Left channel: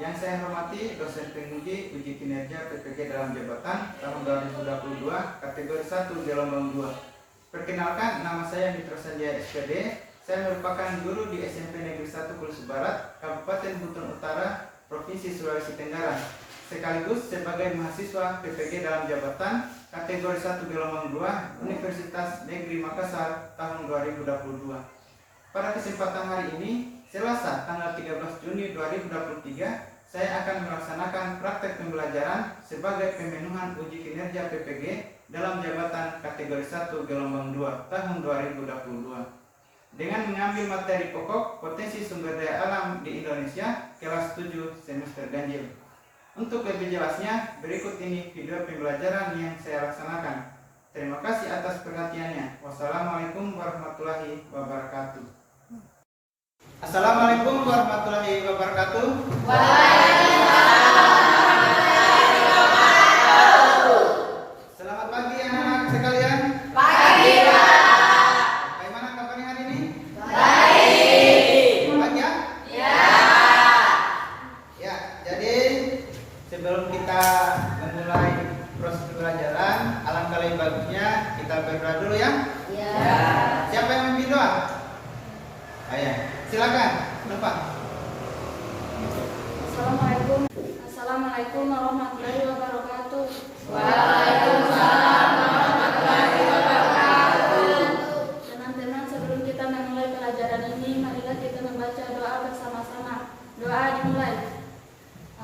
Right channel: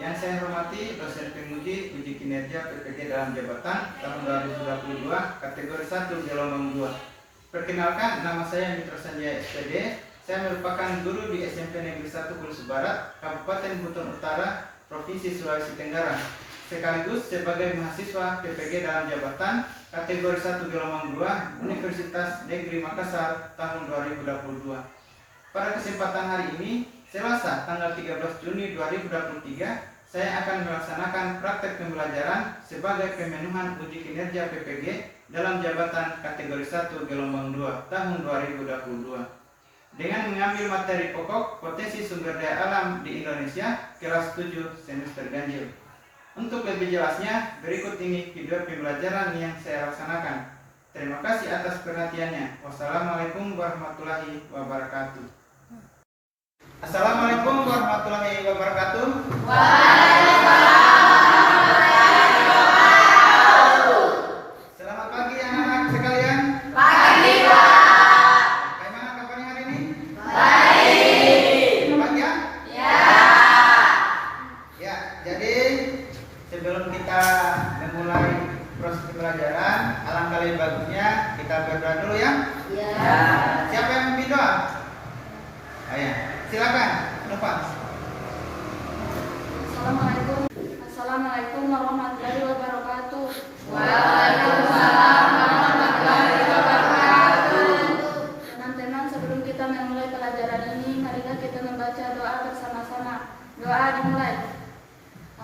Yang saya hormati dosen penguji uji kinerja PPG dalam jabatan tahun 2022 kategori 1 gelombang 2. Perkenalkan, nama saya Mitra Sanjaya SPD. Saya merupakan guru di SMP Negeri 1 Kulus Barat, Kabupaten Buton Utara, Provinsi Sulawesi Tenggara. Sekaligus sebagai mahasiswa PPG dalam jabatan kategori 1 gelombang 2 Universitas Negeri Makassar tahun 2022. Pada kesempatan hari ini, Selasa tanggal 13 Juni 2023, saya akan melaksanakan praktek pembelajaran sebagai pemenuhan uji kinerja PPG dalam jabatan kategori 1 gelombang 2 tahun 2022. Dengan mengambil materi pokok potensi sumber daya alam di Indonesia kelas 7 semester ganjil. Untuk lebih jelasnya, berikut ini video pembelajaran yang saya laksanakan. Terima kasih atas perhatiannya. Wassalamualaikum warahmatullahi wabarakatuh. Assalamualaikum warahmatullahi wabarakatuh. Waalaikumsalam warahmatullahi wabarakatuh. Selamat pagi anak-anak sekalian. Pagi, Pak. Bagaimana kabarnya hari ini? Baik. Baik ya? Ya. Ya, jadi sebelum kita memulai proses pembelajaran, alangkah lebih bagusnya kita berdoa dulu ya. Ya. Siapa yang memimpin doa? Ayo, silakan, penumpang. Assalamualaikum warahmatullahi wabarakatuh. Waalaikumsalam warahmatullahi wabarakatuh. Teman-teman, sebelum kita memulai pelajaran ini, marilah kita membaca doa bersama-sama. Doa dimulai.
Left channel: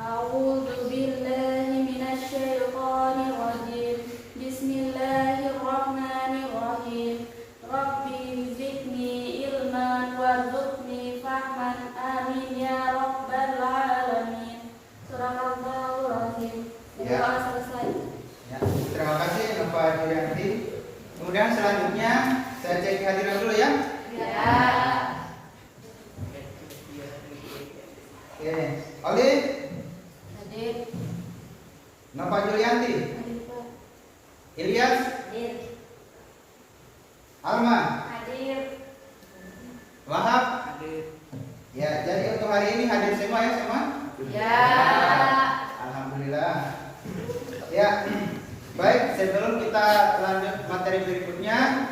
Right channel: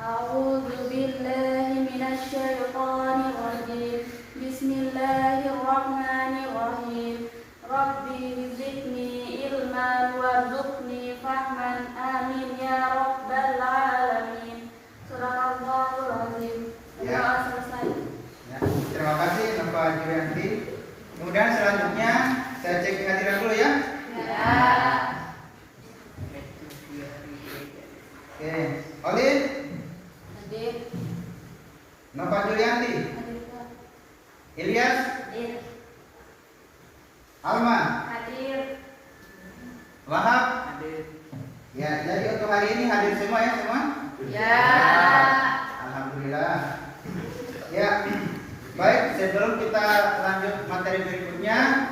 A'udzu billahi minasyaitonir rajim. Bismillahirrahmanirrahim. Rabbi zidni ilman warzuqni fahman, amin ya rabbal alamin. Surahallahul azim. Ya. Doa selesai. Ya, terima kasih Bapak Julianti. Kemudian selanjutnya saya cek kehadiran dulu ya. Ya. Oke, Oli, Hadir. Bapak Julianti, Hadir, Pak. Ilyas, Hadir. Alma, Hadir. Wahab. Ya, jadi untuk hari ini hadir semua ya semua. Ya. Alhamdulillah. Ya, baik. Sebelum kita lanjut materi berikutnya,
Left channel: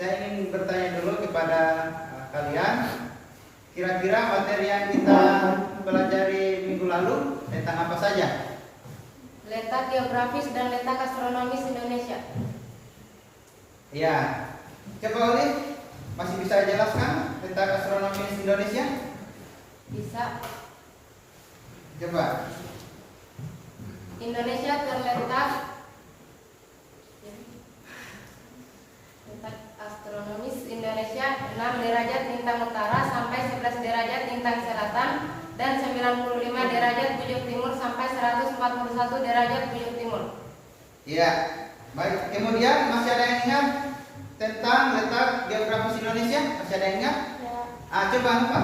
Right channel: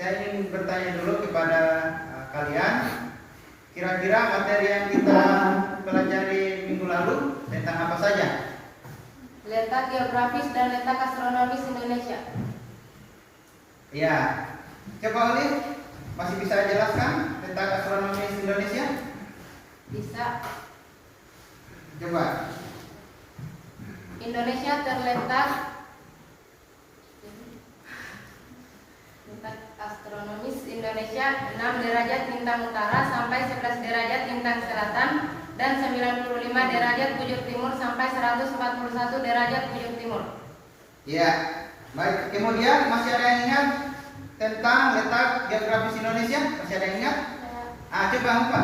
saya ingin bertanya dulu kepada kalian. Kira-kira materi yang kita pelajari minggu lalu tentang apa saja? Letak geografis dan letak astronomis Indonesia. Ya, coba Oli, masih bisa jelaskan tentang astronomi Indonesia? Bisa. Coba. Indonesia terletak astronomis Indonesia 6 derajat lintang utara sampai 11 derajat lintang selatan dan 95 derajat bujur timur sampai 141 derajat bujur timur. Ya, baik. Kemudian masih ada yang ingat tentang letak geografis Indonesia? Masih ada yang ingat? Coba apa?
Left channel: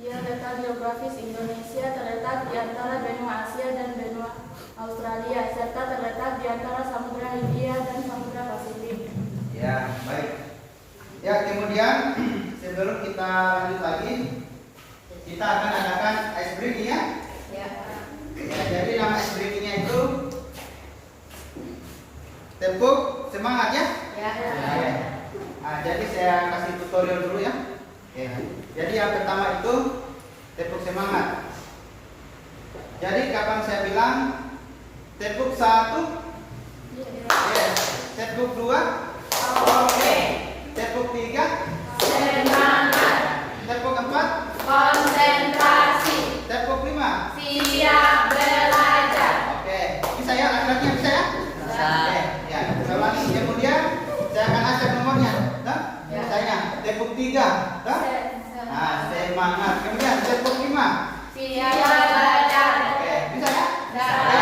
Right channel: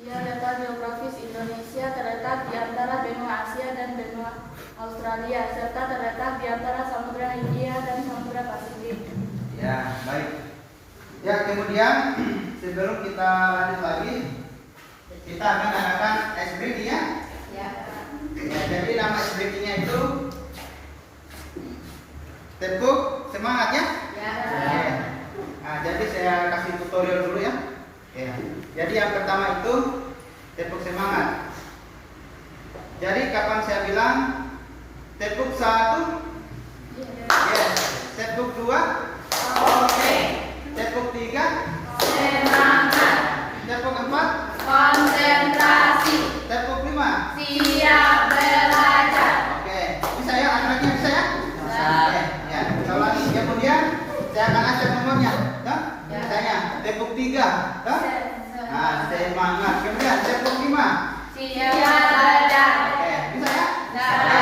Ya, letak geografis Indonesia terletak di antara benua Asia dan benua Australia serta terletak di antara Samudra Hindia dan Samudra Pasifik. Ya, baik. Ya, kemudian sebelum kita lanjut lagi, kita akan adakan ice breaking ya. Ya. Ya, jadi nama ice breakingnya itu tepuk semangat ya. Ya. Oke. Jadi saya kasih tutorial dulu ya. Oke. Jadi yang pertama itu tepuk semangat. Jadi kapan saya bilang tepuk 1? Yes. Tepuk 2? Oke. Tepuk 3? Semangat. Tepuk 4? Konsentrasi. Tepuk 5? Siap belajar. Oke. Bisa ya? Laki-lakinya bisa ya? Bisa. Oke. Ya, kita ulangi. Kemudian saya akan acak nomornya. Toh? Ya. Misalnya tepuk 3. Toh? Semangat. Kemudian tepuk 5. Siap belajar. Oke. Bisa ya? Ya. Oke.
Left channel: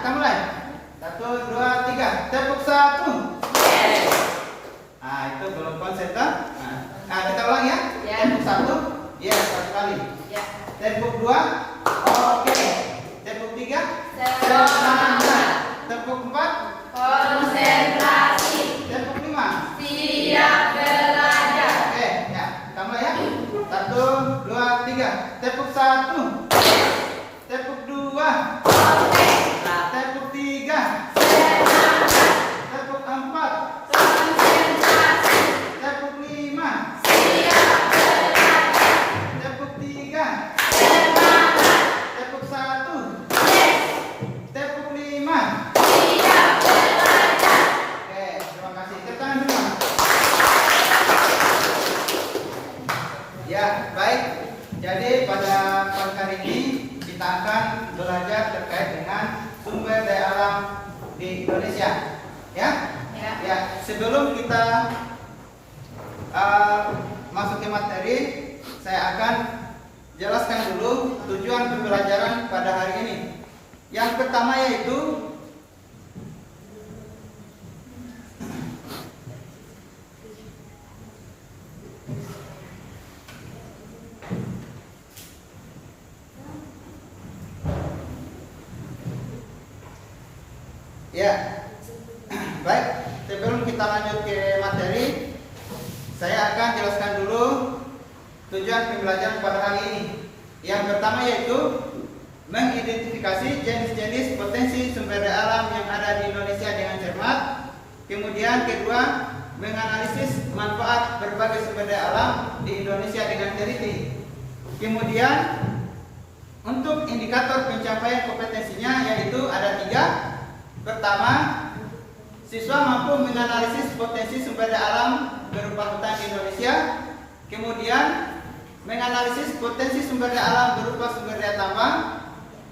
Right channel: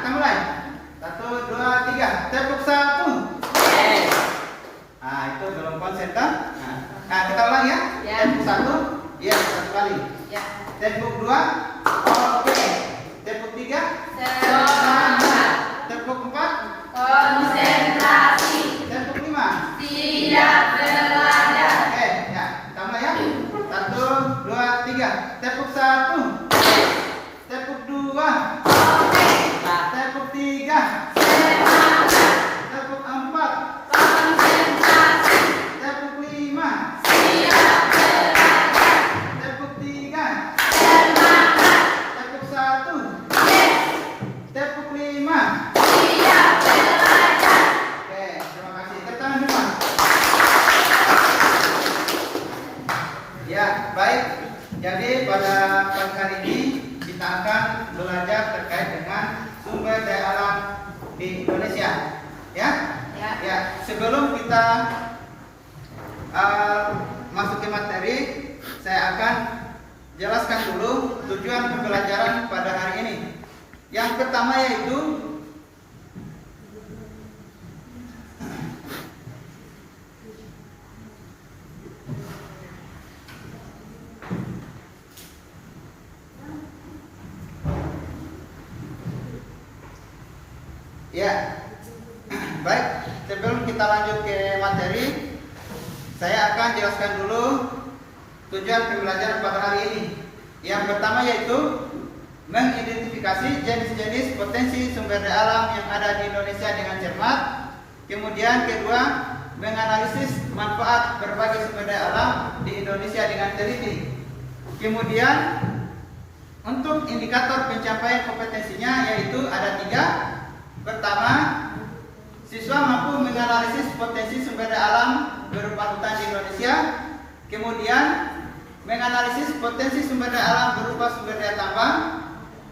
Kita mulai. 1, 2, 3. Tepuk 1. Itu belum konsentrasi. Kita ulang ya. Ya. Tepuk 1. Yes, 1 kali. Ya. Tepuk 2. Oke. Tepuk 3. Semangat. Tepuk 4. Konsentrasi. Tepuk 5. Siap belajar. Oke, ya. Kita mulai ya. 1, 2, 3. Tepuk 1. kita akan belajar terkait dengan sumber daya alam di Indonesia. Ya? Ya, sebelum kita masuk ke materi, saya akan jelaskan dulu tujuan pembelajaran pada hari ini. Yang pertama yaitu ya, baik, sebelum kita lanjut ke materi, saya akan jelaskan dulu tujuan pembelajaran pada hari ini. Yang pertama yaitu mengidentifikasi jenis-jenis potensi sumber daya alam yang ada di Indonesia dengan cermat. Kemudian kedua, menganalisis manfaat berbagai sumber daya alam di Indonesia dengan teliti. Kemudian untuk indikator pencapaian kompetensinya yaitu ada 3. Pertama, siswa mampu menganalisis potensi sumber daya alam berupa hutan di Indonesia. Kemudian menganalisis potensi sumber daya alam berupa sumber daya tambang.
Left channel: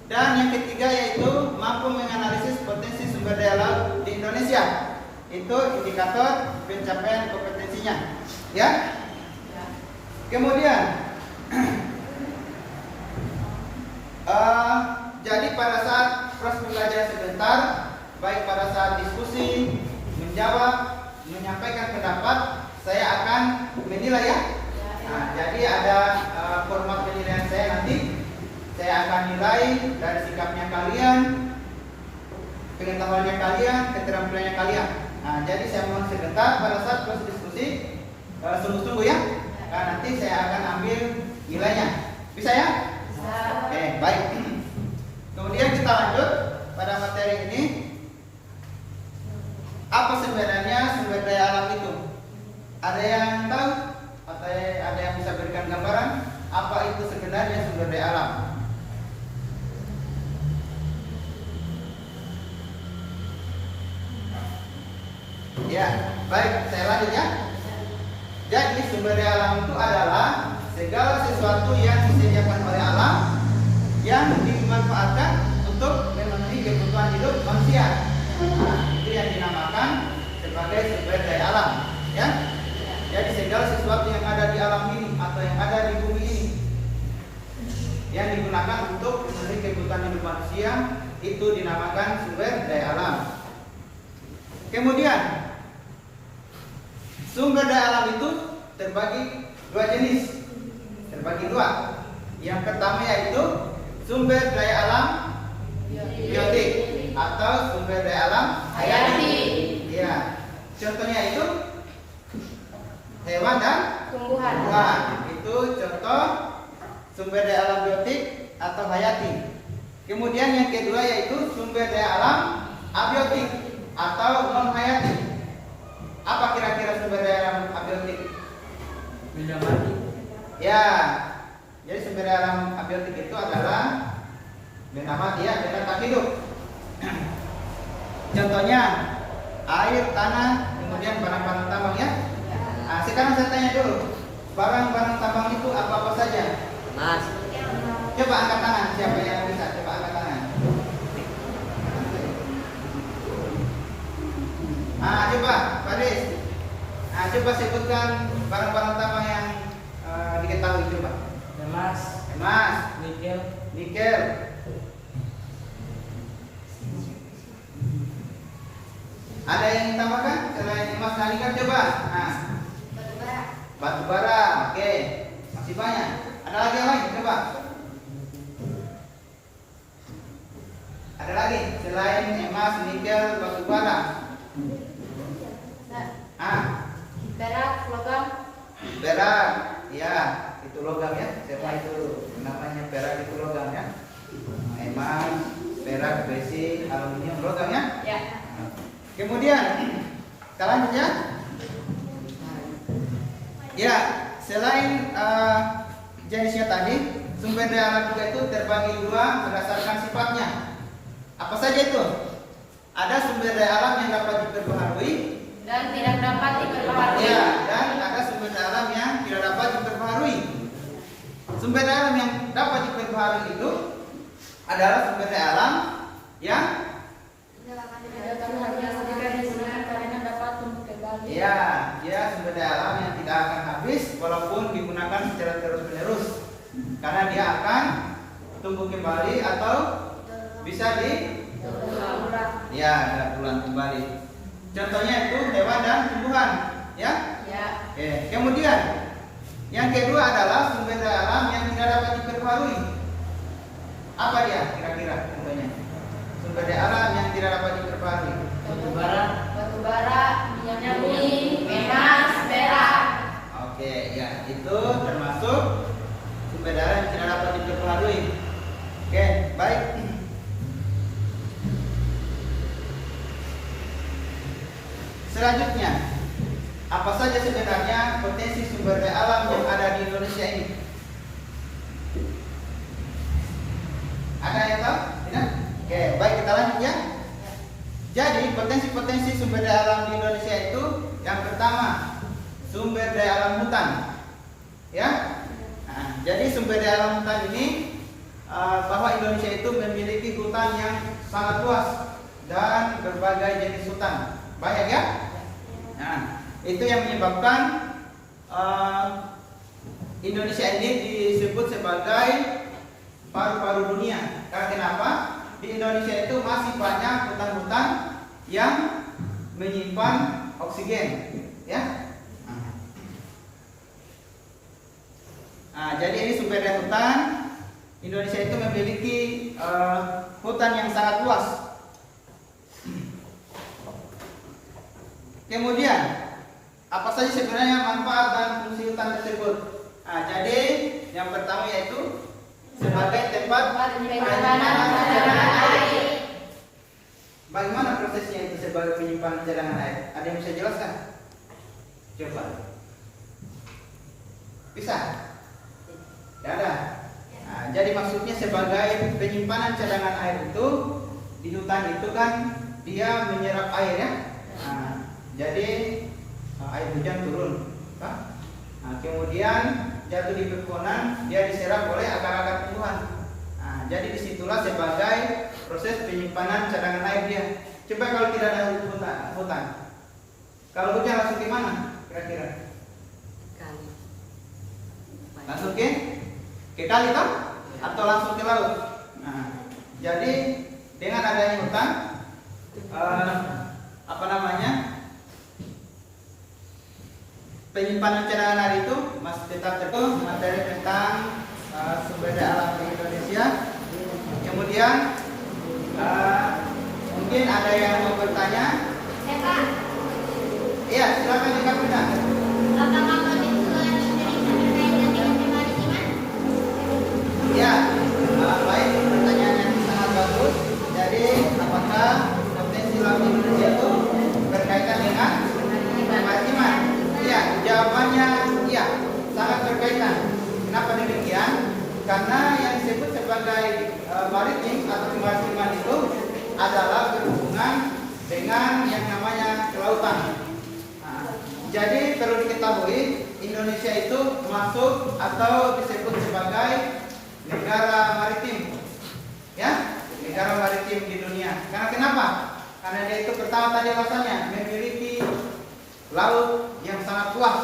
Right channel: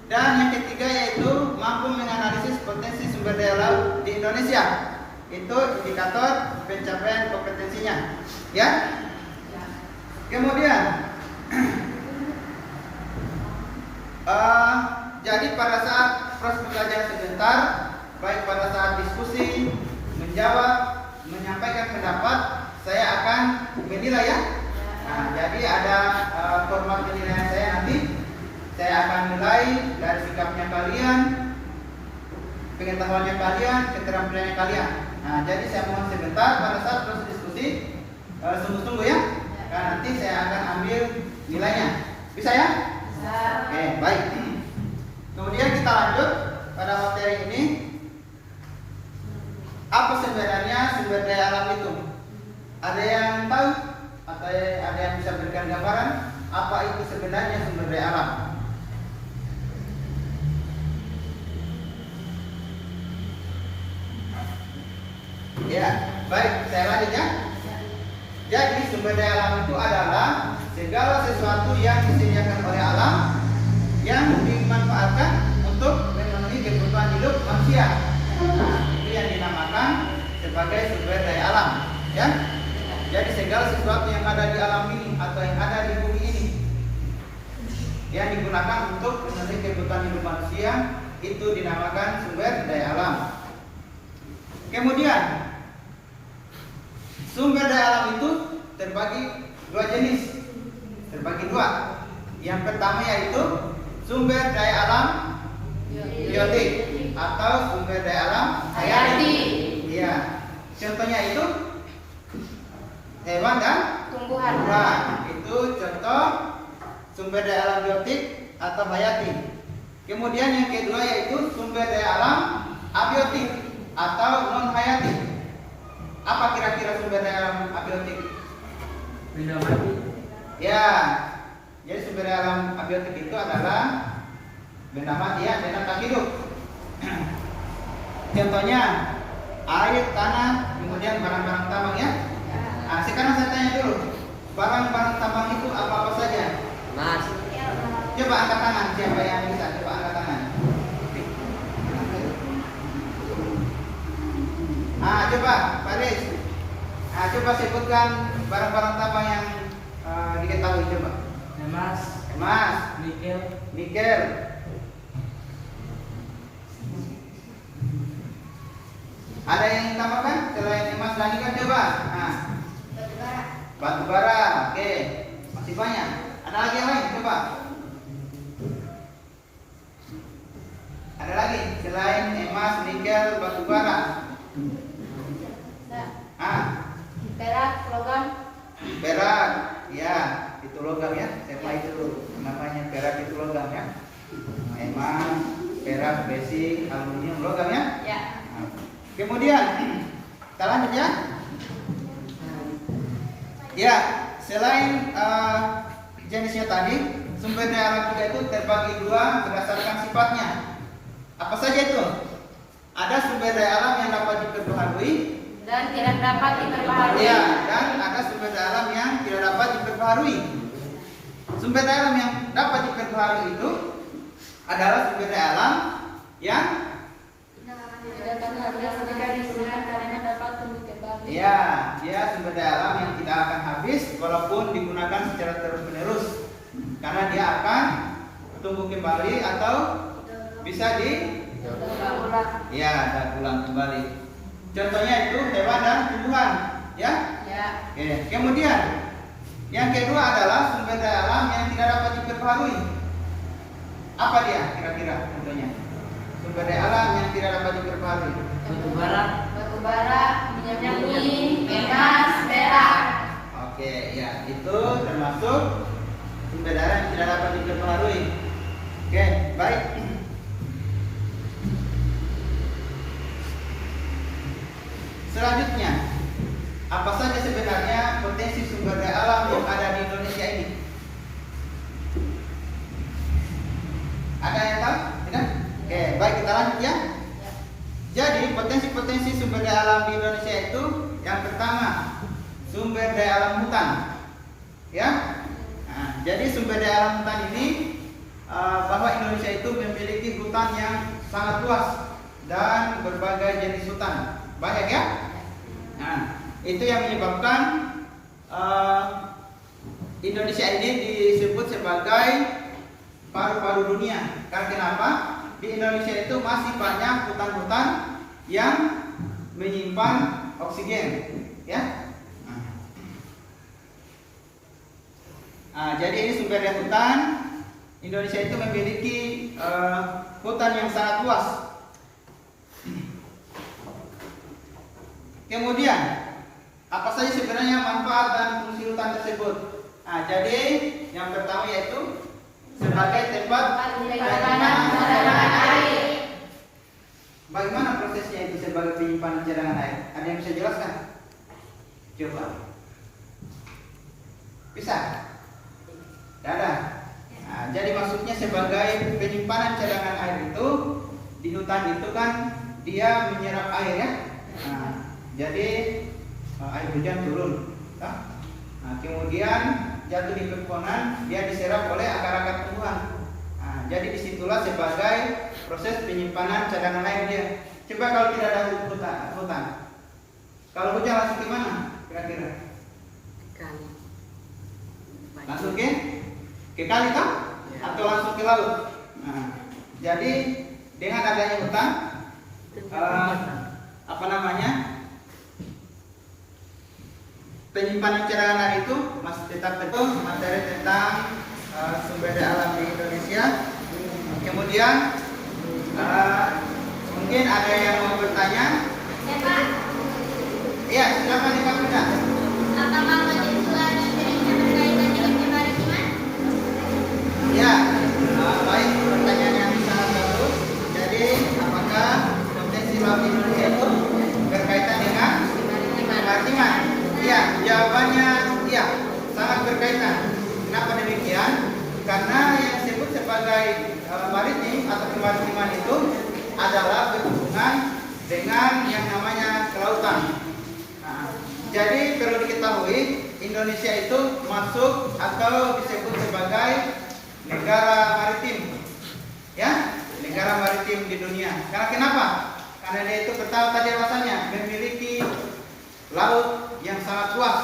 Dan yang ketiga yaitu mampu menganalisis potensi sumber daya laut di Indonesia. Itu indikator pencapaian kompetensinya. Ya. Kemudian jadi pada saat proses belajar sebentar, baik pada saat diskusi, menjawab, menyampaikan pendapat, saya akan menilai ya. Nah, jadi ada format penilaian saya nanti. Saya akan nilai dari sikapnya kalian, pengetahuannya kalian, keterampilannya kalian. Nah, jadi saya mohon sebentar pada saat proses diskusi sungguh-sungguh ya. Nah, nanti saya akan ambil nilainya. Bisa ya? Bisa. Oke, baik. Kemudian kita lanjut pada materi ini. Apa sebenarnya sumber daya alam itu? Ada yang tahu? Atau ada yang bisa berikan gambaran apa itu sebenarnya sumber daya alam? Ya, baik, saya lanjut ya. Jadi sumber daya alam itu adalah segala sesuatu yang disediakan oleh alam yang dimanfaatkan untuk memenuhi kebutuhan hidup manusia. Nah, itu yang dinamakan sebagai sumber daya alam, ya. Jadi segala sesuatu yang ada di alam ini atau yang ada di bumi ini yang digunakan untuk memenuhi kebutuhan hidup manusia itu dinamakan sumber daya alam. Kemudian sumber daya alam itu terbagi 2 jenis. Terbagi 2. Yang pertama yaitu sumber daya alam biotik atau sumber daya alam hayati. Iya. Contohnya itu hewan dan tumbuhan. Itu contoh sumber daya alam biotik atau hayati. Kemudian yang kedua yaitu sumber daya alam abiotik atau non hayati. Apa kira-kira sumber daya alam abiotik? Benda mati. Ya. Jadi sumber daya alam abiotik itu adalah benda mati ya, benda tak hidup. Contohnya air, tanah, kemudian barang-barang tambang ya. Nah, sekarang saya tanya dulu, barang-barang tambang itu apa-apa saja? Mas. Coba angkat tangan, siapa yang bisa? Coba angkat tangan. Coba, Pak Riz. Coba sebutkan barang-barang tambang yang diketahui coba. Emas. Emas, Nikel. nikel. Ada yang ditambahkan selain emas dan nikel coba? Batu bara, oke. Masih banyak. Ada lagi yang lain coba? Ada lagi selain emas, nikel, batu bara? Perak, logam. Perak, ya itu logam ya. Siapa itu namanya perak itu logam ya. Emas, perak, besi, aluminium, logam ya. Ya. Kemudian kita lanjut ya. Ya, selain jenisnya tadi, sumber daya alam juga itu terbagi 2 berdasarkan sifatnya. Apa saja itu? Ada sumber daya alam yang dapat diperbaharui Dan tidak dapat diperbaharui. ya, dan ada sumber daya alam yang tidak dapat diperbaharui. Sumber daya alam yang dapat diperbaharui itu adalah sumber daya alam yang ya, dia sumber daya alam yang tidak akan habis walaupun digunakan secara terus-menerus, karena dia akan tumbuh kembali atau bisa ya daur ulang kembali. Contohnya itu hewan dan tumbuhan, ya. Oke. Kemudian yang kedua adalah sumber daya alam yang tidak dapat diperbarui. Apa dia kira-kira contohnya? Sumber daya alam yang tidak dapat diperbarui. Batu bara, minyak bumi, emas, perak. Oke, ya itu termasuk sumber daya yang tidak dapat diperbarui. Oke, baik. Selanjutnya, apa saja sebenarnya potensi sumber daya alam yang ada di Indonesia ini? Ada yang tahu? Tidak? Oke, baik, kita lanjut ya. Jadi potensi-potensi sumber daya alam di Indonesia itu yang pertama sumber daya alam hutan, ya. Nah, jadi sumber daya alam hutan ini bahwa Indonesia itu memiliki hutan yang sangat luas dan berbagai jenis hutan, banyak ya. Nah, itu yang menyebabkan Indonesia ini disebut sebagai paru-paru dunia. Karena kenapa? Di Indonesia itu masih banyak hutan-hutan yang menyimpan oksigen, ya. Nah, jadi ini sumber daya hutan. Indonesia itu memiliki hutan yang sangat luas. Kemudian, apa saja sebenarnya manfaat dan fungsi hutan tersebut? Nah, jadi yang pertama yaitu sebagai tempat penyimpanan cadangan air. Bagaimana prosesnya itu sebagai penyimpanan cadangan air? Ada yang bisa jelaskan? Coba. Bisa? Tidak ada. Nah, jadi maksudnya sebagai penyimpanan cadangan air itu di hutan itu kan dia menyerap air ya. Nah, jadi air hujan turun. Nah, kemudian jatuh di pepohonan, dia diserap oleh akar-akar tumbuhan. Nah, jadi disitulah sebagai proses penyimpanan cadangan air dia. Coba kalau tidak ada hutan, kalau hujan langsung ke mana? Kira-kira? Langsung ke kali toh? Atau langsung ke laut? Nah, jadi dengan adanya hutan, penyimpanan cadangan air itu masih tetap terus materi tentang sumber daya alam di Indonesia. Kemudian mungkin ada yang mau bertanya? Iya, silakan Pak Bunda. Apakah mahasiswa Indonesia berkaitan dengan kemaritiman? Ya, baik, pertanyaan yang sangat bagus. Jadi, apakah potensi laut Indonesia itu berkaitan dengan kemaritiman? Ya, jawabannya iya, sangat berkaitan. Kenapa demikian? Karena yang disebut sebagai maritim atau kemaritiman itu adalah berhubungan dengan yang namanya kelautan. Nah, jadi perlu diketahui Indonesia itu masuk atau disebut sebagai negara maritim, ya, negara maritim di dunia. Karena kenapa? Karena dia itu pertama tadi alasannya memiliki laut yang sangat luas,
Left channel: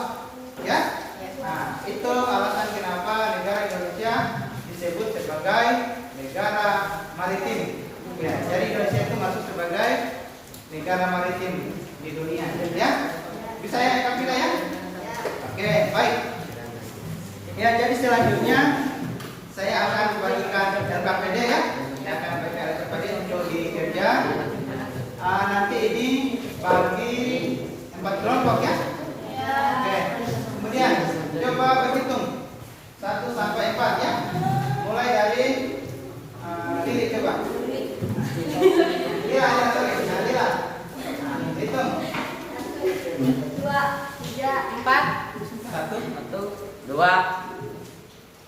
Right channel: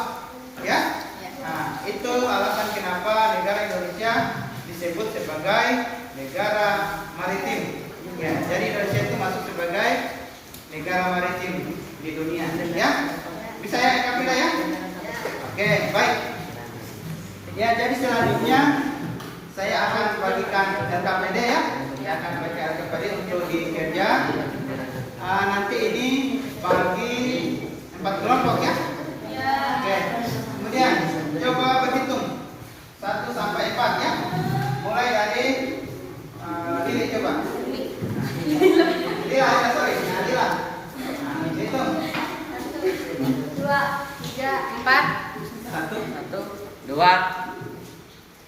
ya. Nah, itu alasan kenapa negara Indonesia disebut sebagai negara maritim. Ya, jadi Indonesia itu masuk sebagai negara maritim di dunia, ya. Bisa ya Kapila ya? Oke, baik. Ya, jadi selanjutnya saya akan bagikan LKPD ya. Saya akan baca LKPD untuk dikerja. Nanti ini bagi 4 kelompok ya. Oke. Kemudian coba berhitung 1 sampai 4 ya. Mulai dari ini coba. Dila, ya sorry. Nah, Dila. Nah, hitung. 1, 2, 3, 4, 1, 2,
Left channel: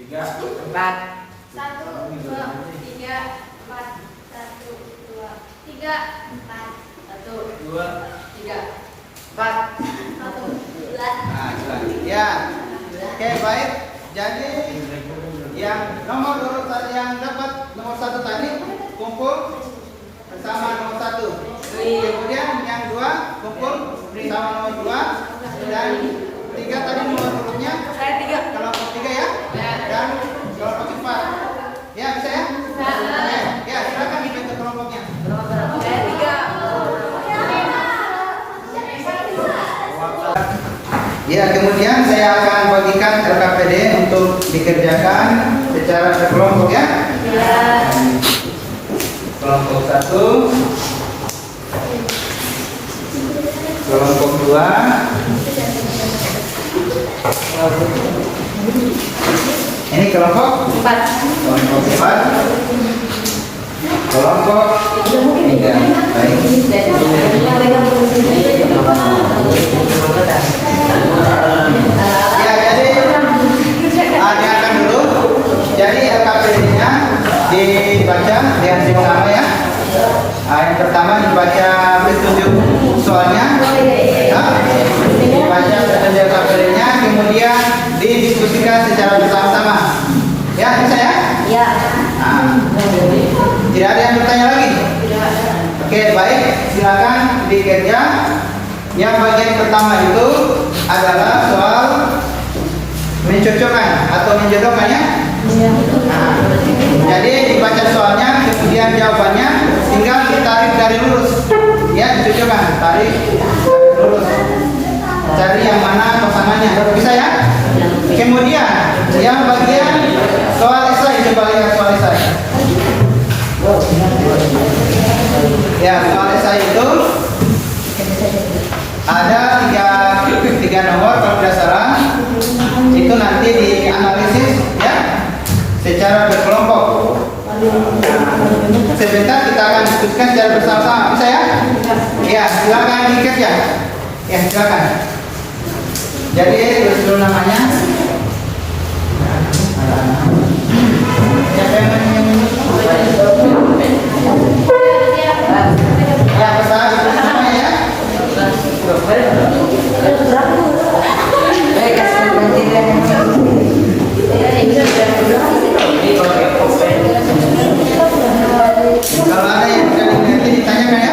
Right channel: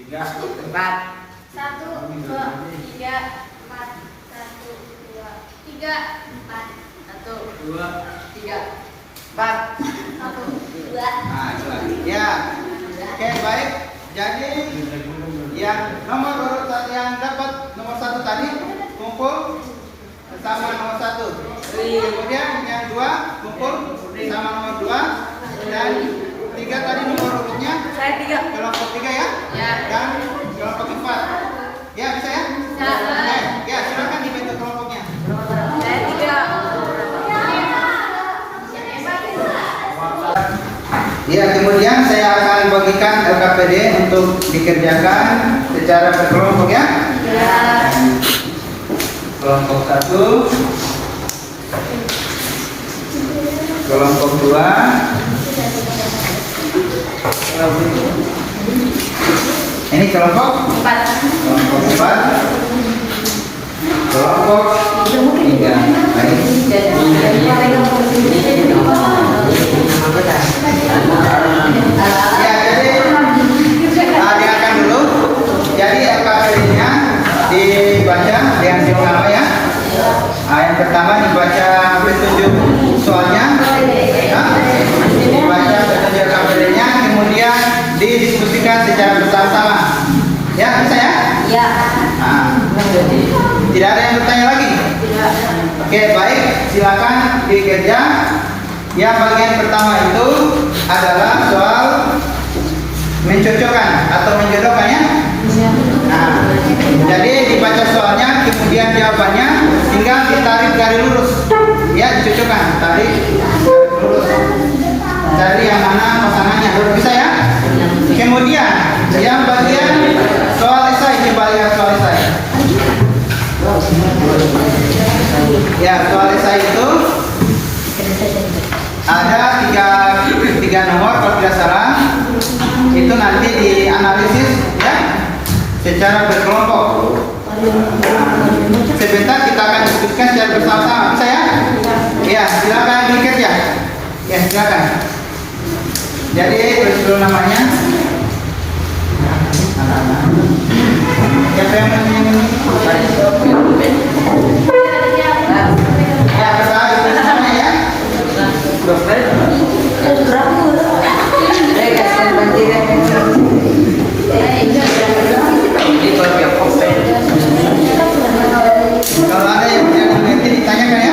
3, 4, 1, 2, 3, 4, 1, 2, 3, 4, 1, 2, 3, 4. 1, 2. Nah, coba. Ya. Oke, baik. Jadi yang nomor urut yang dapat nomor 1 tadi Kemudian yang 2 kumpul sama nomor 2 dan 3 tadi nomor urutnya. Saya 3. Kelompok 3 ya. Ya. Dan kelompok 4. Ya bisa ya? Bisa. Oke. Ya silakan dibentuk kelompoknya. Saya 3. Ya, kemudian saya akan bagikan LKPD untuk dikerjakan secara berkelompok ya. Ya. Kelompok 1, kelompok 2, ini kelompok 4. kelompok 4, kelompok 3. Baik. Ya, jadi diakan dulu. Jadi LKPD-nya dibaca yang pertama ya. Yang pertama dibaca petunjuk soalnya, ya. Dibaca petunjuk LKPD-nya, kemudian didiskusikan secara bersama-sama. Ya, bisa ya? Ya. Nah, tidak ada yang bertanya lagi? Oke, baik. Silakan dikerja. Yang bagian pertama itu adalah soal mencocokkan atau menjodohkannya. Nah, jadi dibaca soalnya, kemudian jawabannya tinggal ditarik dari lurus. Ya, dicocokkan, tarik dari lurus. Cari yang mana pasangannya. Bisa ya? Kemudian yang bagian soal esai, coba lihat soal esai. Ya, soal esai itu ada tiga nomor kalau tidak salah. Itu nanti dianalisis ya secara berkelompok. Sebentar kita akan diskusikan secara bersama-sama. Bisa ya? Ya, silakan dikerja. Ya, silakan. Jadi terus dulu namanya. Siapa yang menyanyi? Ya, pertama itu namanya ya. Kalau ada yang tidak dimengerti ditanyakan ya.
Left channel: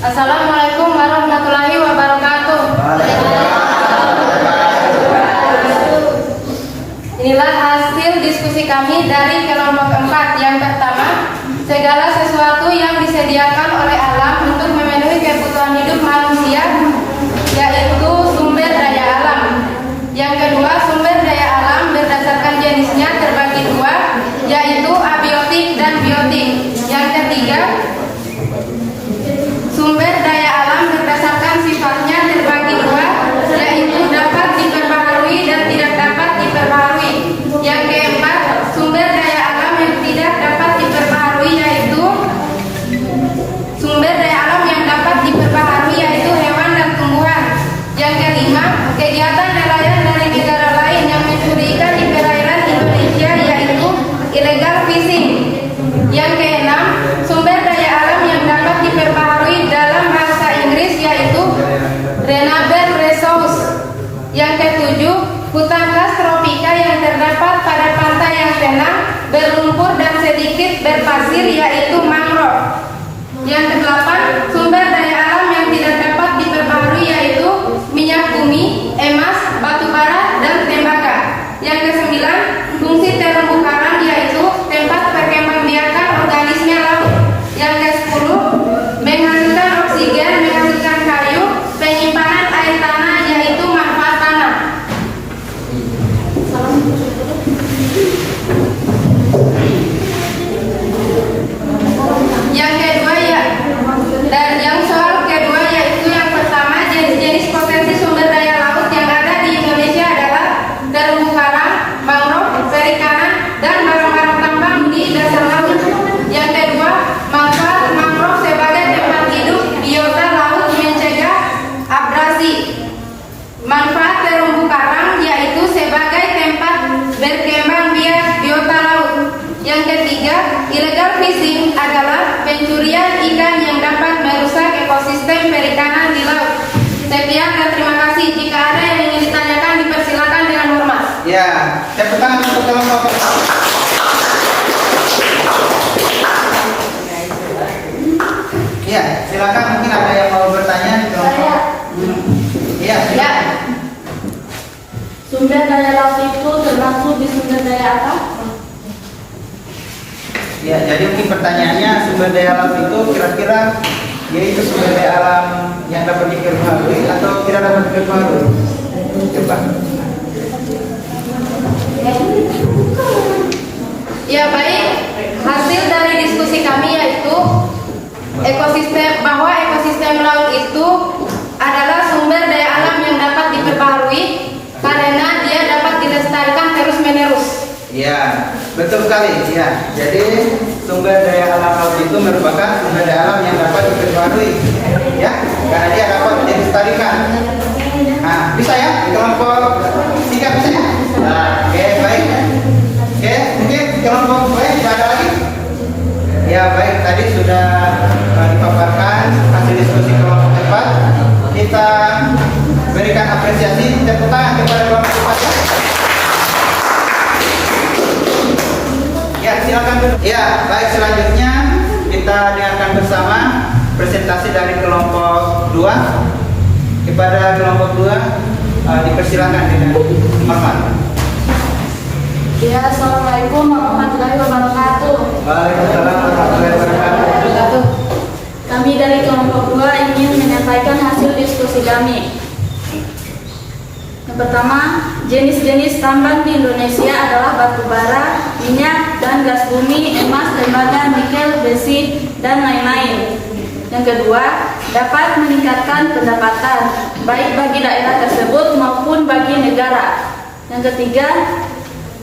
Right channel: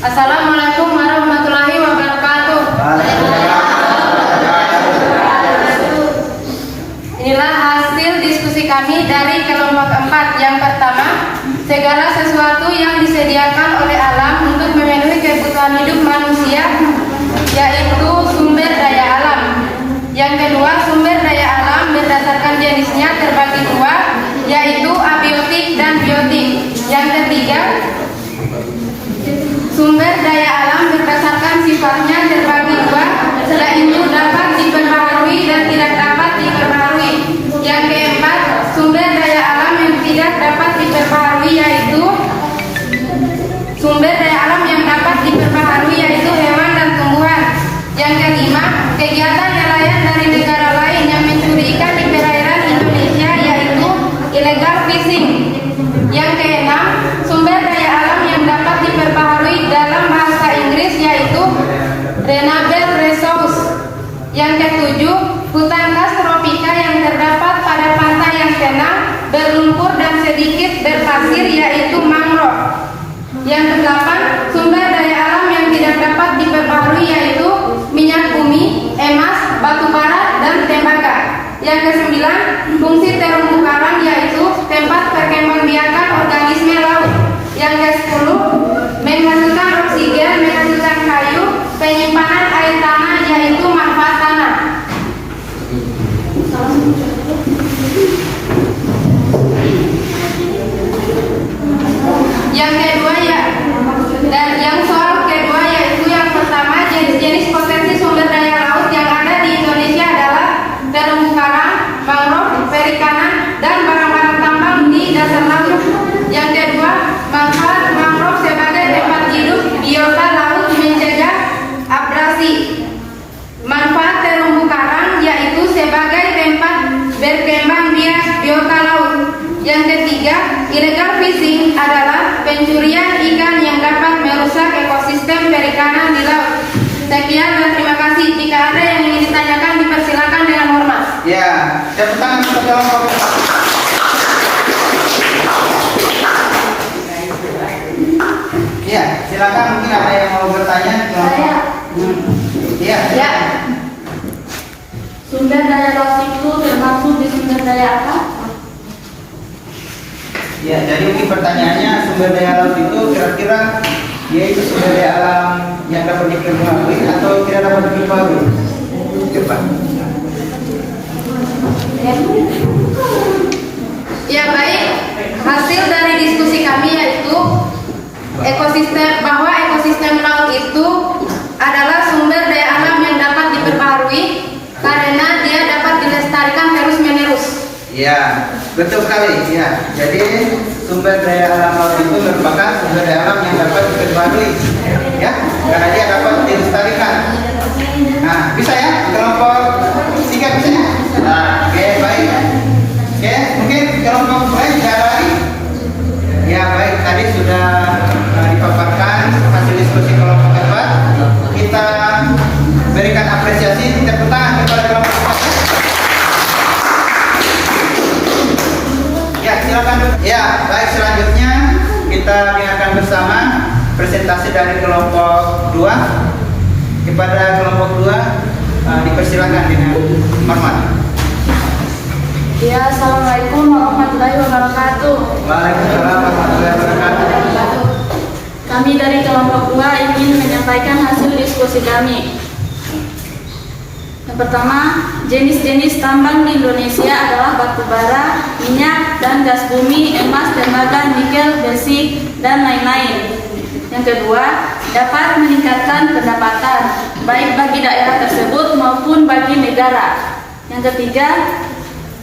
Assalamualaikum warahmatullahi wabarakatuh. Inilah hasil diskusi kami dari kelompok 4. Yang pertama, segala sesuatu yang disediakan oleh alam untuk memenuhi kebutuhan hidup manusia, yaitu sumber daya alam. Yang kedua, sumber daya alam berdasarkan jenisnya terbagi dua, yaitu abiotik dan biotik. Yang ketiga, sumber daya alam berdasarkan sifatnya terbagi dua, yaitu dapat diperbaharui dan tidak dapat diperbaharui. Yang keempat, sumber daya alam yang tidak dapat diperbaharui yaitu sumber daya alam yang dapat diperbaharui yaitu hewan dan tumbuhan. Yang kelima, kegiatan nelayan dari negara lain yang mencuri ikan di perairan Indonesia yaitu illegal fishing. Yang keenam, sumber daya alam yang dapat diperbaharui dalam bahasa Inggris yaitu renewable resource. Yang ketujuh, hutan khas tropika yang terdapat pada pantai yang tenang, berlumpur dan sedikit berpasir yaitu mangrove. Yang kedelapan, sumber daya alam yang tidak dapat diperbaharui yaitu minyak bumi, emas, batu bara, dan tembaga. Yang kesembilan, fungsi terumbu karang yaitu tempat perkembangbiakan organisme laut. Yang ke-10, menghasilkan oksigen, menghasilkan kayu, penyimpanan air tanah yaitu manfaat tanah. Yang kedua dan yang soal kedua yaitu yang pertama, jenis-jenis potensi sumber daya laut yang ada di Indonesia adalah terumbu karang, mangrove, perikanan, dan barang-barang tambang di dasar laut. Yang kedua, manfaat mangrove sebagai tempat hidup biota laut mencegah abrasi. Manfaat terumbu karang yaitu sebagai tempat berkembang biak biota laut. Yang ketiga, illegal fishing adalah pencurian ikan yang dapat merusak ekosistem perikanan di laut. Sekian dan terima kasih. Jika ada yang ingin ditanyakan, dipersilakan dengan hormat. Ya, tepuk tangan untuk kelompok 4. Ya, silakan, mungkin ada yang mau bertanya. Ya. Sumber daya laut itu termasuk di sumber daya apa? Ya, jadi mungkin pertanyaannya sumber daya alam itu kira-kira yaitu sumber daya alam yang dapat diperbaharui atau tidak dapat diperbaharui? Coba. Ya baik, hasil dari diskusi kami yaitu ekosistem laut itu adalah sumber daya alam yang dapat diperbaharui karena dia dapat dilestarikan terus-menerus. Ya, betul sekali. Ya, jadi sumber daya alam laut itu merupakan sumber daya alam yang dapat diperbarui, ya, karena dia dapat dilestarikan. Nah, bisa ya, kelompok 3 bisa ya? Nah, oke, baik. Oke, mungkin kelompok lain tidak ada lagi. Ya, baik. Tadi sudah dipaparkan hasil diskusi kelompok 4. Kita berikan apresiasi, tepuk tangan kepada kelompok 4 ya. Ya, silakan. Ya, baik, selanjutnya kita dengarkan bersama presentasi dari kelompok 2. Kepada kelompok 2 dipersilakan dengan hormat. Ya, assalamualaikum warahmatullahi wabarakatuh. Waalaikumsalam warahmatullahi wabarakatuh. Kami dari kelompok 2 ingin menyampaikan hasil diskusi kami. Yang pertama, jenis-jenis tambang di Indonesia adalah batu bara, minyak, dan gas bumi, emas, tembaga, nikel, besi, dan lain-lain. Yang kedua, dapat meningkatkan pendapatan, baik bagi daerah tersebut maupun bagi negara. Yang ketiga,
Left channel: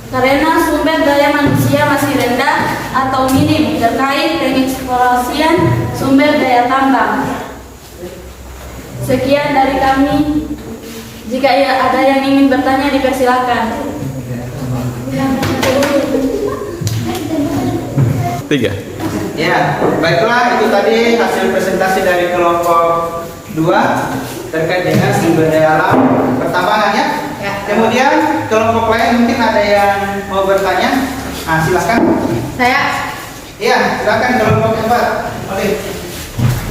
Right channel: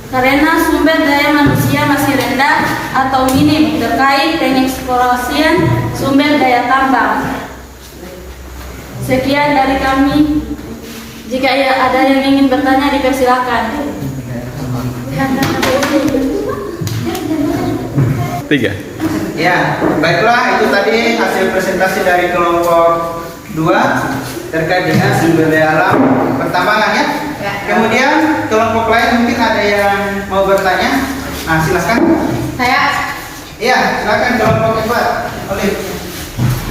karena sumber daya manusia masih rendah atau minim terkait pengeksplorasian sumber daya tambang. Sekian dari kami. Jika ada yang ingin bertanya, dipersilakan. 3. Ya, baiklah, itu tadi hasil presentasi dari kelompok 2 terkait dengan sumber daya alam pertambangan ya. Kemudian kelompok lain mungkin ada yang mau bertanya. Nah, silakan. Saya, Iya, silakan kelompok 4. Oleh.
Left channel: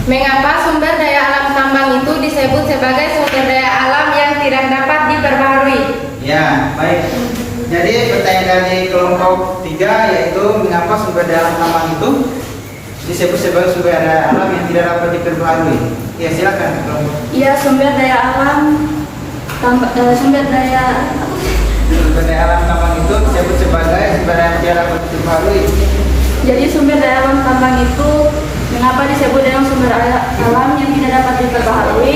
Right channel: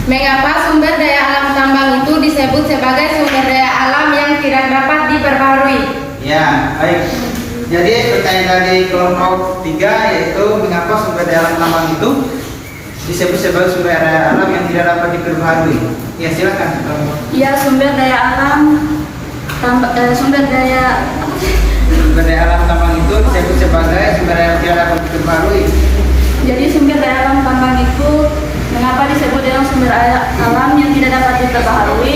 mengapa sumber daya alam tambang itu disebut sebagai sumber daya alam yang tidak dapat diperbaharui? Ya, baik. Jadi pertanyaan dari kelompok 3 yaitu mengapa sumber daya alam tambang itu disebut sebagai sumber daya alam yang tidak dapat diperbaharui. Ya, silakan. Ya, sumber daya alam Sumber daya alam tambang itu disebut sebagai sumber daya yang tidak dapat diperbaharui. Jadi sumber daya alam tambang itu mengapa disebut dengan sumber alam yang tidak dapat diperbaharui?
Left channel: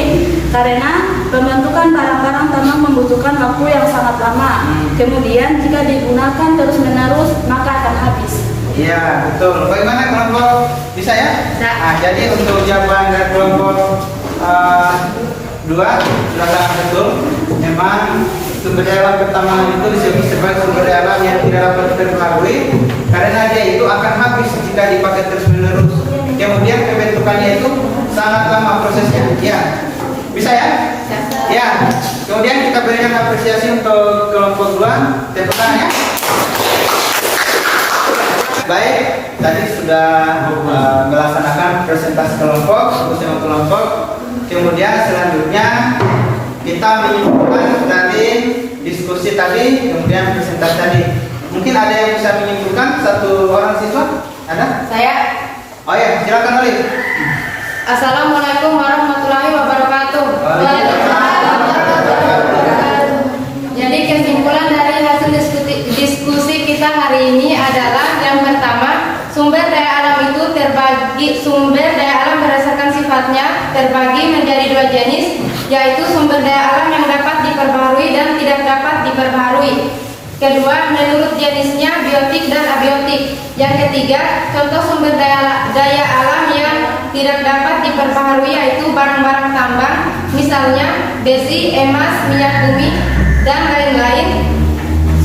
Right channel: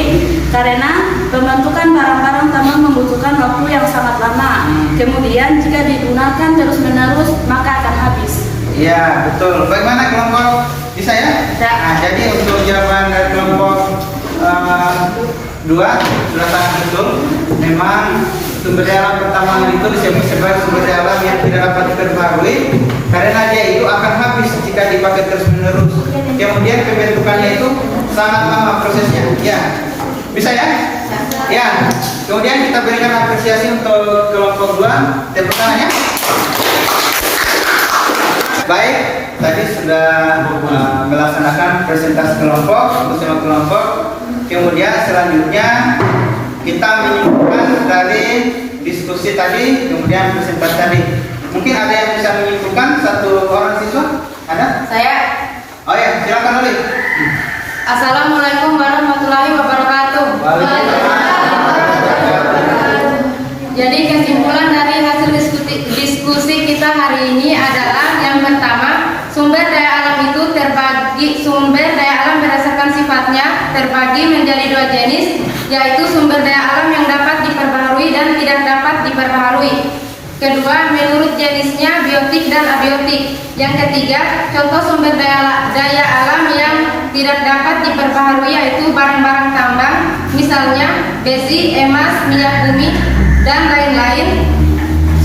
Karena pembentukan barang-barang tambang membutuhkan waktu yang sangat lama. Kemudian jika digunakan terus-menerus maka akan habis. Iya, betul. Bagaimana kelompok bisa ya? Nah, jadi untuk jawaban dari kelompok 2 belakangan betul. Memang sumber daya alam pertambangan itu disebut sebagai sumber daya alam yang tidak dapat diperbaharui karena dia itu akan habis jika dipakai terus-menerus. Kemudian pembentukannya itu sangat lama prosesnya. Ya, bisa ya? Ya. Kemudian kita berikan apresiasi untuk kelompok 2. Tepuk tangan ya. Baik, tadi sudah melaksanakan presentasi kelompok bersama kelompok. Kemudian selanjutnya kita menyimpulkan dari diskusi tadi, kemudian presentasi tadi. Mungkin ada yang bisa menyimpulkan, satu orang siswa? Ada? Saya, Oh ya, silakan Oleh. Assalamualaikum warahmatullahi wabarakatuh. Jadi kesimpulan dari hasil diskusi kita hari ini adalah yang pertama, sumber daya alam itu sumber daya alam berdasarkan sifatnya terbagi menjadi 2 jenis, yaitu sumber daya alam yang dapat diperbaharui dan tidak dapat diperbaharui. Kedua, menurut jenisnya biotik dan abiotik. Yang ketiga, contoh sumber daya alam yang tidak dapat diperbaharui yaitu barang-barang tambang, misalnya besi, emas, minyak bumi, dan lain-lain.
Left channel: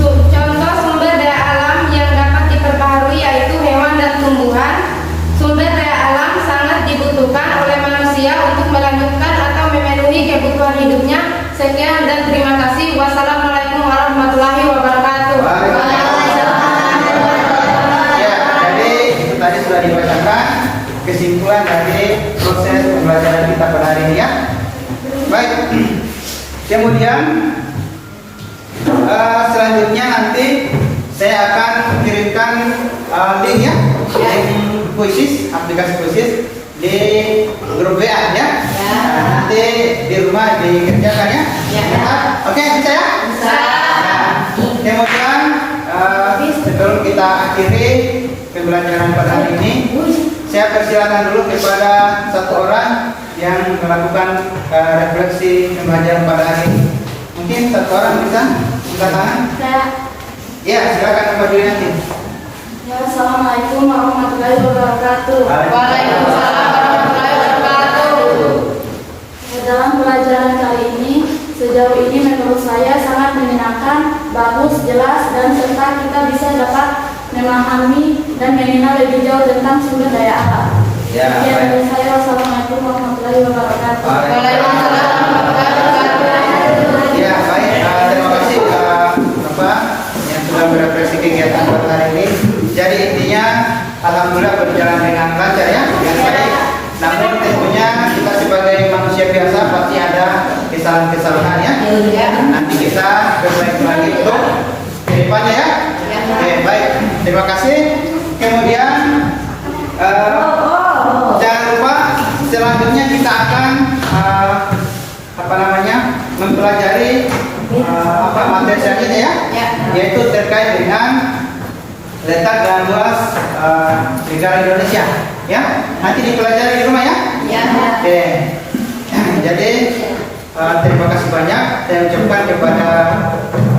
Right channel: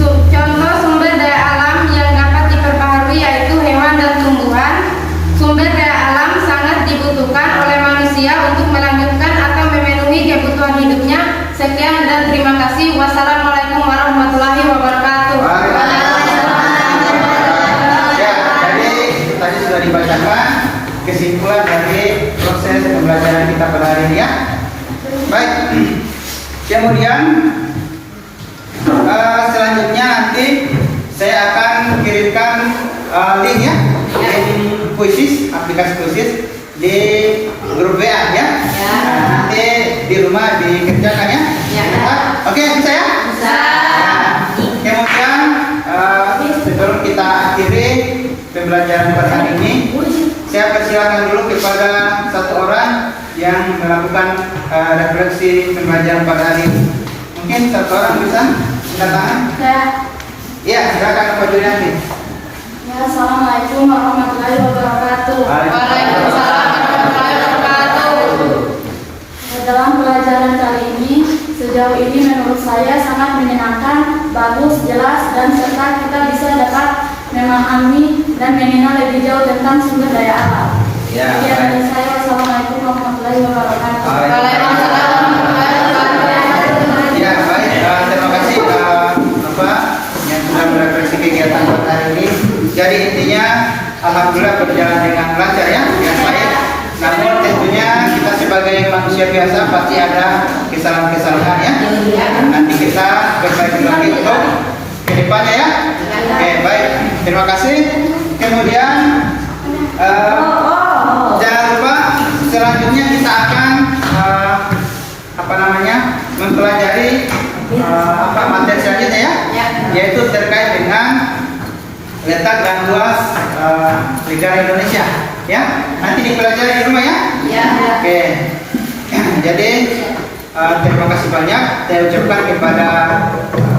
Contoh sumber daya alam yang dapat diperbaharui yaitu hewan dan tumbuhan. Sumber daya alam sangat dibutuhkan oleh manusia untuk melanjutkan atau memenuhi kebutuhan hidupnya. Sekian dan terima kasih. Wassalamualaikum warahmatullahi wabarakatuh. Ya, jadi tadi sudah dibacakan kesimpulan dari proses pembelajaran kita pada hari ini ya. Baik. Kemudian selanjutnya nanti saya akan kirimkan link ya, link kuisis, aplikasi kuisis di grup WA ya. Nah, nanti di rumah dikerjakan ya. Oke, bisa ya? Bisa. Kemudian sebelum kita akhiri pembelajaran pada hari ini, saya persilakan dulu kepada satu orang yang melakukan refleksi pembelajaran pada hari ini. Mungkin satu orang bisa angkat tangan? Saya. Ya, silakan Pak Julianti. Ya, Assalamualaikum warahmatullahi wabarakatuh. Waalaikumsalam warahmatullahi wabarakatuh. Dalam pelajaran kali ini, sejauh ini menurut saya sangat menyenangkan, bagus, jelas, dan serta kita bisa dapat memahami dan mengenal lebih jauh tentang sumber daya alam. Ya, Sekian baik. dari saya. Wassalamualaikum warahmatullahi wabarakatuh. Waalaikumsalam warahmatullahi wabarakatuh. Ya, baik. Terima kasih Bapak yang sudah berefleksi kegiatan pada hari ini. Jadi intinya, alhamdulillah berjalan dengan lancar ya, yang baik. Namun tentunya kita sebagai manusia biasa pasti ada kesalahan-kesalahan ya. Nanti kita berbaik lagi untuk kedepannya ya. Oke, baik. Terima kasih. Kemudian jangan lupa selanjutnya kita akan mempelajari materi selanjutnya ya, yaitu terkait dengan letak dan luas negara Indonesia ya. Nanti dipelajari di rumah ya. Oke. Jadi terima kasih banyak saya ucapkan kepada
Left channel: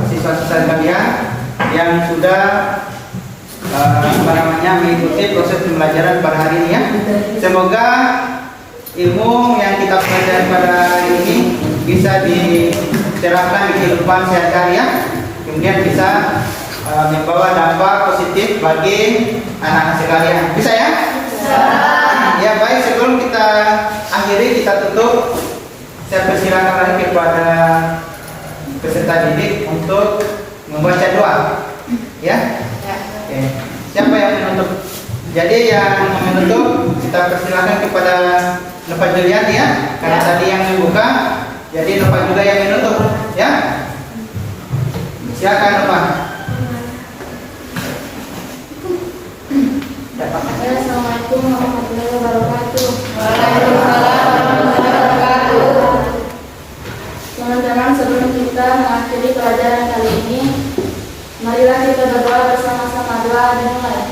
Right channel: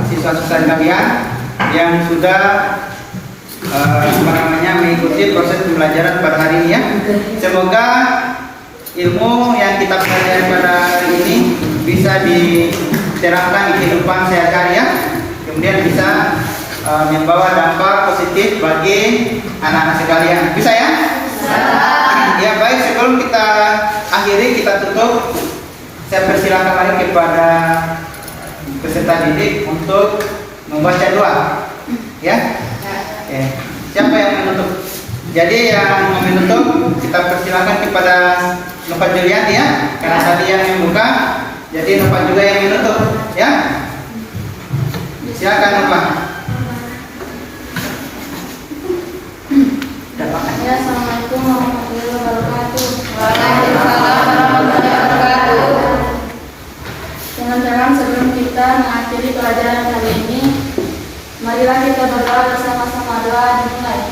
siswa-siswa kalian yang sudah mengikuti proses pembelajaran pada hari ini ya. Semoga ilmu yang kita pelajari pada hari ini bisa diterapkan di kehidupan sehari-hari ya. Kemudian bisa membawa dampak positif bagi anak-anak sekalian. Bisa ya? Ya, baik, sebelum kita akhiri, kita tutup, saya persilakan lagi kepada peserta didik untuk membaca doa ya. Siapa yang menutup? Jadi yang menutup kita persilakan kepada Bapak Julian ya, karena tadi yang membuka, jadi Bapak juga yang menutup ya. Silakan Bapak. Ya, Assalamualaikum warahmatullahi wabarakatuh. Waalaikumsalam warahmatullahi wabarakatuh. Teman-teman, sebelum kita mengakhiri pelajaran kali ini, marilah kita berdoa bersama-sama. Doa dimulai.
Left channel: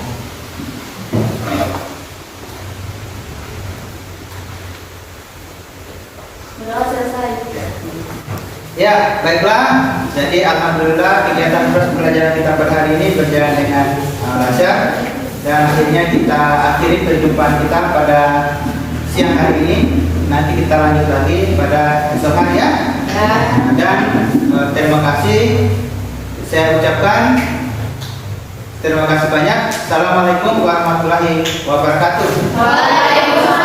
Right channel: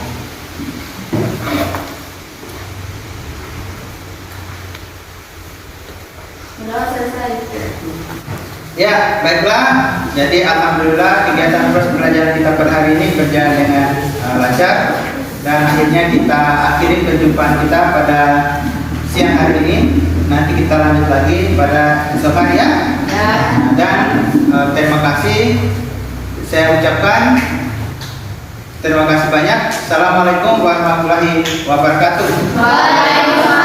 Doa selesai. Ya, baiklah. Jadi alhamdulillah kegiatan pembelajaran kita pada hari ini berjalan dengan lancar. Dan akhirnya kita akhiri perjumpaan kita pada siang hari ini. Nanti kita lanjut lagi pada esok hari ya. Dan terima kasih. Saya ucapkan terima kasih banyak. Assalamualaikum warahmatullahi wabarakatuh. Waalaikumsalam.